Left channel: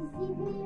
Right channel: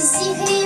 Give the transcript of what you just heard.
see you